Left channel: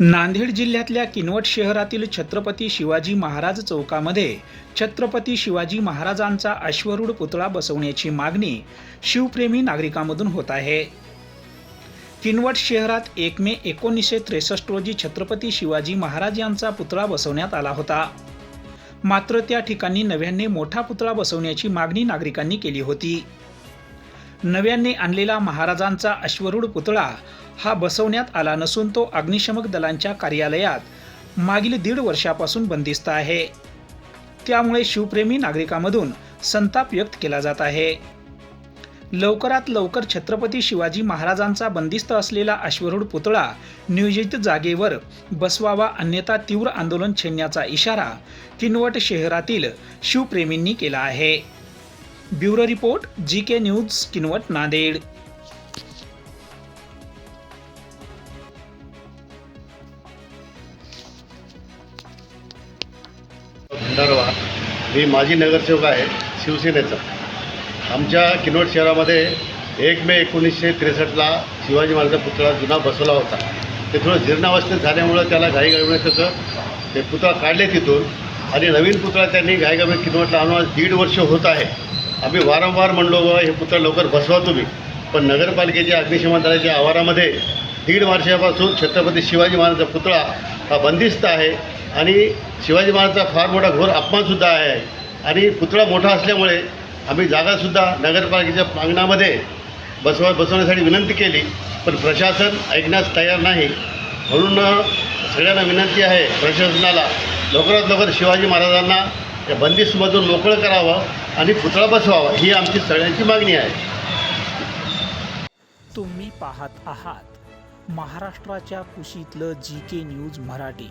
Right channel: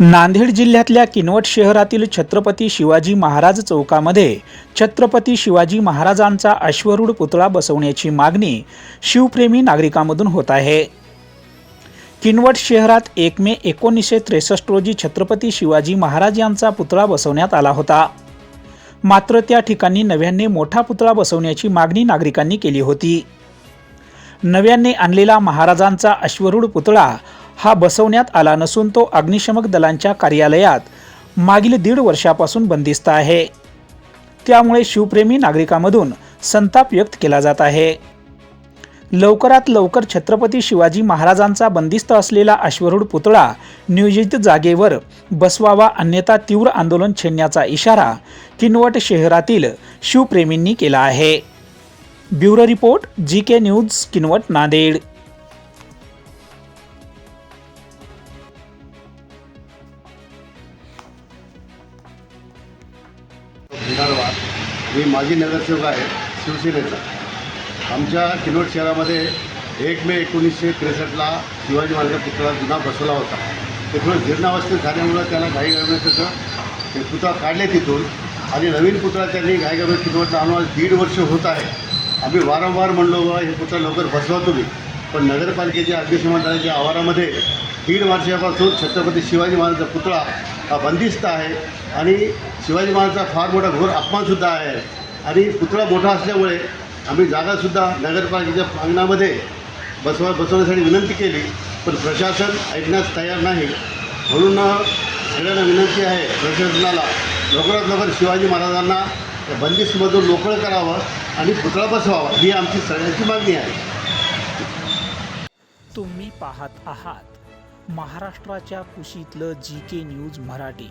नांदेड जिल्ह्यातल्या किनवट शहरातील छत्रपती शिवाजी महाराज चौकामध्ये छत्रपती शिवाजी महाराजांचा अश्वरूढ पुतळा बसवण्याची मागणी शिवप्रेमी नागरिकांमधून होत आहे. किनवट शहरात एक मे एकोणीसशे त्रेसष्ट रोजी छत्रपती शिवाजी महाराज यांचा पुतळा बसवण्यात आला होता. मात्र त्या ठिकाणी नव्याने मोठा पुतळा बसवण्याची मागणी नागरिकांनी केली होती. नव्याने आणलेला महाराजांचा अश्वरूढ पुतळा हा बसवण्यात आला नसून तो अग्निशमक दलांच्या कार्यालयात मागील दीड वर्षापासून बंदिस्त आहे. त्यामुळे शिवप्रेमी नागरिकांमधून संताप व्यक्त केला जात आहे. लवकरात लवकर छत्रपती शिवाजी महाराजांचा बंदिस्त असलेला अश्वरूढ पुतळा नियोजित जागेवर बसवावा अन्यथा तीव्र आंदोलन छेडण्याचा इशारा किनवट शहरातील शिवप्रेमींनी केला आहे. Bureau report G K news Kinwat Nanded. मी माजी नगरसेवक आहे शिवसेनेचा. आमच्या किनोट शहरामध्ये एक मे एकोणीसशे त्रेसष्टला शिवाजी महाराजांचा पुतळा जुना बसवला होता. ते थोडं जीर्णावस्थेत झाल्यामुळं त्याला घाईगडबडीत कसं ते पुतळा काढले तिथून आणि नवीन पुतळा त्यांनी घाईगडबडीत किनवटला आम्हाला दीड वर्ष होत आहे. आम्ही वारंवार म्हणलो बा हे पुतळा लवकर बसवा तुम्ही. पण नगरपालिकेच्या अग्निशमन दलाच्या आवारामध्ये दीड वर्षापासून छत्रपती शिवाजी महाराजांचा पुतळा हा बंदिस्त आहे. आणि शिवाजी महाराजांचा फार मोठा घोर अपमानसुद्धा आहे. आणि पुतळा मोठा असल्यामुळे आम्ही जागासुद्धा नगरपालिकेच्या अंगणामध्ये बसवा बसवण्यासाठी विनंती केली पण प्रशासन ऐकण्यास तयार नाही. म्हणून सगळ्यांना विनंती आहे प्रशासनाला लवकरात लवकर शिवाजी महाराजांना त्या बंदिस्तमधून मोकळं करावं आणि पुतळा बसवावा ही आमची सगळ्यांची मागणी आहे. तुम्ही पाहत आहात महाराष्ट्राच्या कुशीतलं जी के न्यूज मराठी.